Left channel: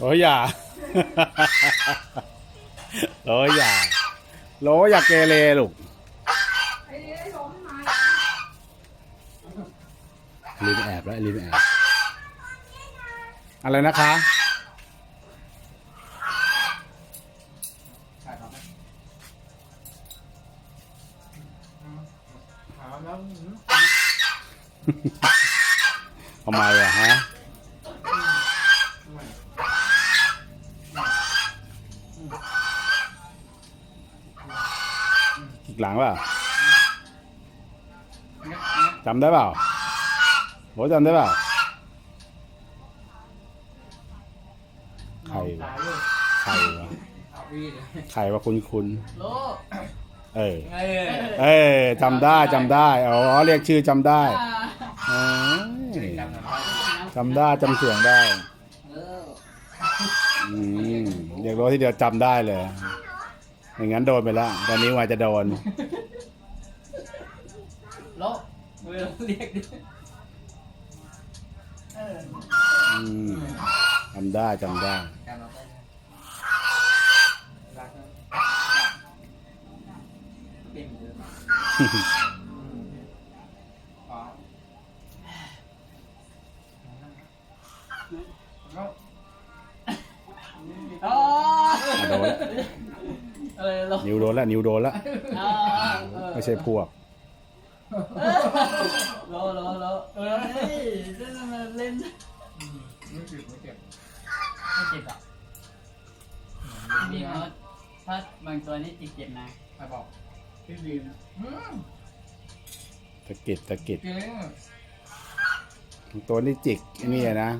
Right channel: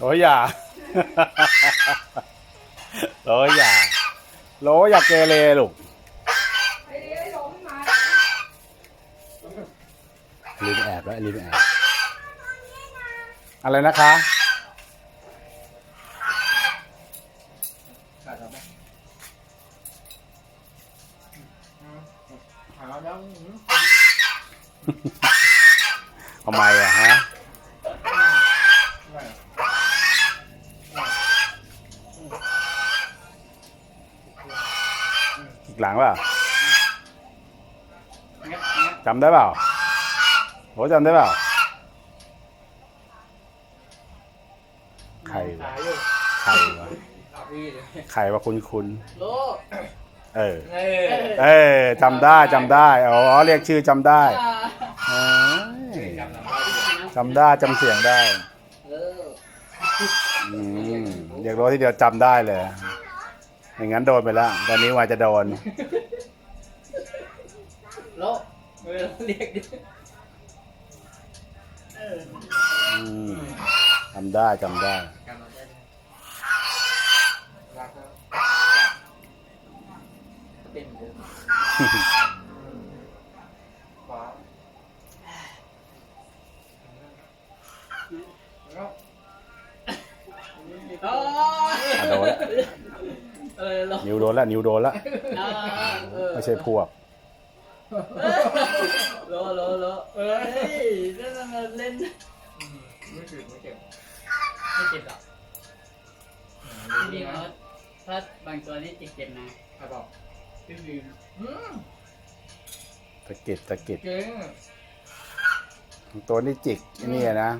โอ้ยอย่าโอ้ยอย่าโลอย่าเกเรลูกไอ้นี่ไอ้โดมไม่มาลินแอบแล้วลินแอบอะไรนะคะขาดเราไหมขาดเราแล้วอืมทำไมอะฮะ ไม่ อีก หลังเปล่าเงี้ยเงี้ยจำได้เปล่าโหจำได้เปล่าใครวะขายอยู่ใครวะเอาพี่เลยใครวะคุณคุณโลเออเออ เออจำได้จำได้อ๋อเรียกชื่อจำได้เอ้ยจำได้จำเสียงได้เอออืมเรียกรถที่เดียวจำได้เลย ไม่งั้นโดนไปแล้ว ตอนนี้ว่าจะโดน โลมือเรียกดิเอออืมจำได้จำได้กำมาได้รักแล้วเป็นเหมือนเดิมว้าวแล้วอ๋ออะโดนแล้ว เออเรานิ้วโดนแล้วนิ้วโดนแล้วอ่าเออไม่ใช่พวก รอรอรอเอ้ยเล่นมาเล่นไม่เจ็บไม่เจ็บไม่เจ็บอะจริงๆเขาถ้าบางตัวนี่จิกเจ็บนะใครบอกพี่วิวอืมตะกิดตะกิดเจ๊งตัวนี้จิกไอ้นี่อะนะ